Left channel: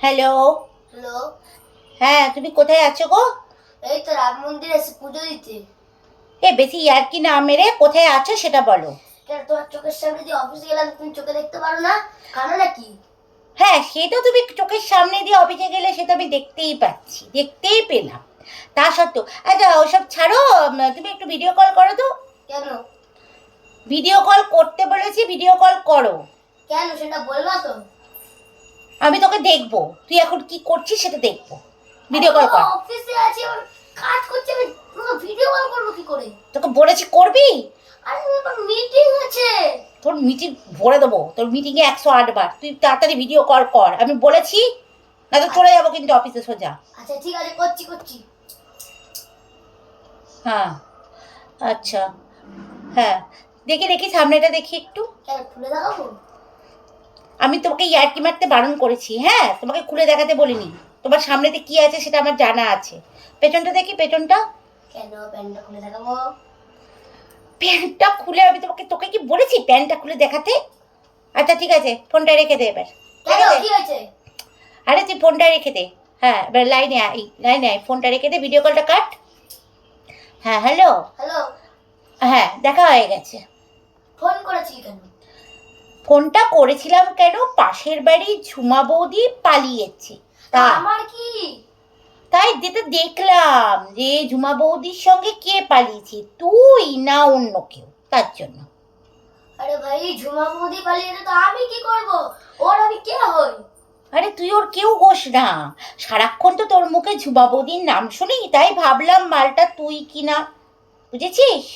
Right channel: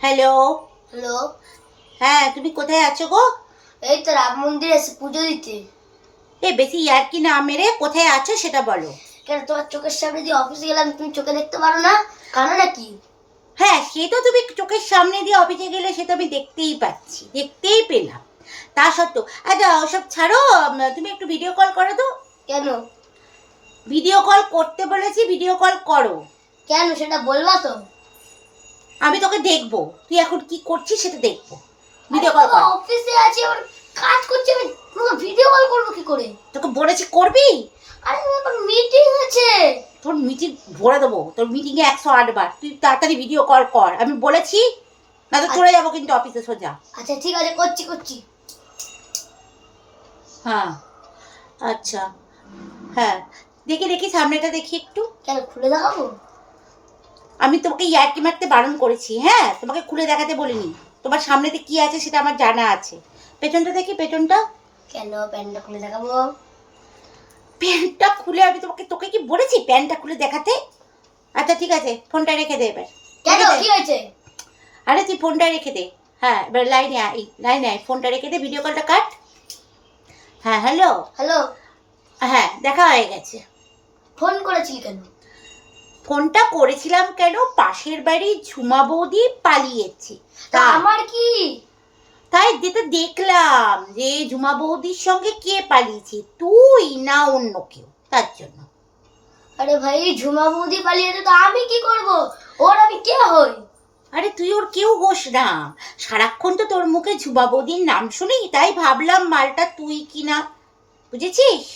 Hello hello হ্যাঁ তুমি কোথায় আছো গো? এই তো রাম মন্দিরে এসে পুজো দিতে। এ বেশি ইয়ার্কি না মেরে কোথায় আছো সেটা বলো। কেন তোমার চোখের সামনে দিয়ে অফিসে গেলাম তুমি চোখে দেখতে পারো না? কারণ নাকি? হ্যাঁ সে তো তুমি চোখের সামনে দিয়ে অফিসে গেলে সে তো আমি দেখতেই পাচ্ছি দেখতেই পেলাম। তা সত্ত্বেও আচ্ছা ওসব ছাড়ো তুমি একটু ভিডিও কল করো তো। কেন? ভিডিও কল করতে বলেছি ভিডিও কল করো। কেন সেটা বলবা তো। আমি তোকে দেখব। তুই এখন কি করছিস সেটা দেখব। ভিডিও কল কর। অফিসে আছি আমার কাজ করছি আমি ভিডিও কল করব কি করে? তোকে বলেছি করবি? আরে মিটিং আছে। তোর মিটিং ভরে দেবো। তোর মিটিংয়ে একশো আটবার তুই তাড়াতাড়ি ভিডিও কল কর। আমি বলেছি না তো চলে যাব কিন্তু অফিসে সোজা। আচ্ছা ঠিক আছে করছি করছি। হ্যাঁ। আচ্ছা। হ্যাঁ। দেখি দেখি সামনেটা দেখি একটু। কেন খুলে দেখাবো? আমি তোমাকে ইয়ার্কি মারতে বারণ করেছি হ্যাঁ? তোমাকে খুলে দেখাতে বলিনি। তোমার সামনেতে কি আছে সেটা আমার জানা আছে। পেছনটা দেখি পেছনটা? কেন প্যান্টটা খুলে দেখাবো? প্যান্টটা খুলে আমি তোমাকে তোকে কি বলেছি প্যান্টটা খুলে দেখাতে? আচ্ছা ঠিক আছে ফোনটা রেখে দে এবার। কেন? রেখে দে। কি হয়েছে? আরে তুই ফোনটা রেখে দে। হ্যাঁ এবার লাইনে আয় লাইনে আয় ফোনটা রেখে দে ভিডিও কলটা কাট। হ্যাঁ হ্যালো হ্যালো হ্যাঁ দেখা হয়ে গেছে। ফোন করেছি কেন? ফোনটা করেছিলাম কেন? পাশের বাড়ি ঝুমা বৌদি পালিয়েছে। তা আমার কি? তাই যেতে দেখলাম যে ঝুমা বৌদির সঙ্গে কে পালিয়েছে? তুই না অন্য কেউ তার জন্য। আরে ভাই ঝুমা বৌদি পালিয়েছে তো আমি কি করব? ওর আমি কে হই? আরে তুই ওর কেউ হোস না। সারাক্ষণ তো তোর মুখে ঝুমা বৌদির নাম শুনি তাই ভাবলাম মালটা তুই কিনা। বুঝেছিস?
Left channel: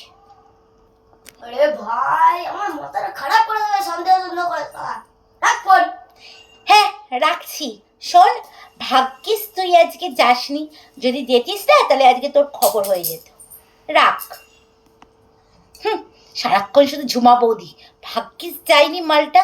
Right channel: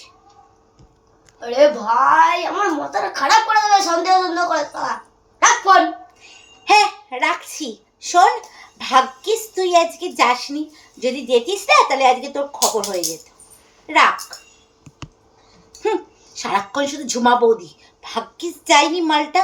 আরে ভাই আমার মাথাটা খারাপ করে দেবে সন্দেহ সন্দেহ করে তারা রাখ ফোন হ্যাঁ রাখছি। শোন, ভাগ্যিস তুই আজকে যাসনি। যদি যেতিস না, তাহলে আজকে তোর খবর হয়ে যেত। রাখ। হুম, সারাক্ষণ শুধু ঝুমা বৌদি। ভাগ্যিস যায়নি মালটা।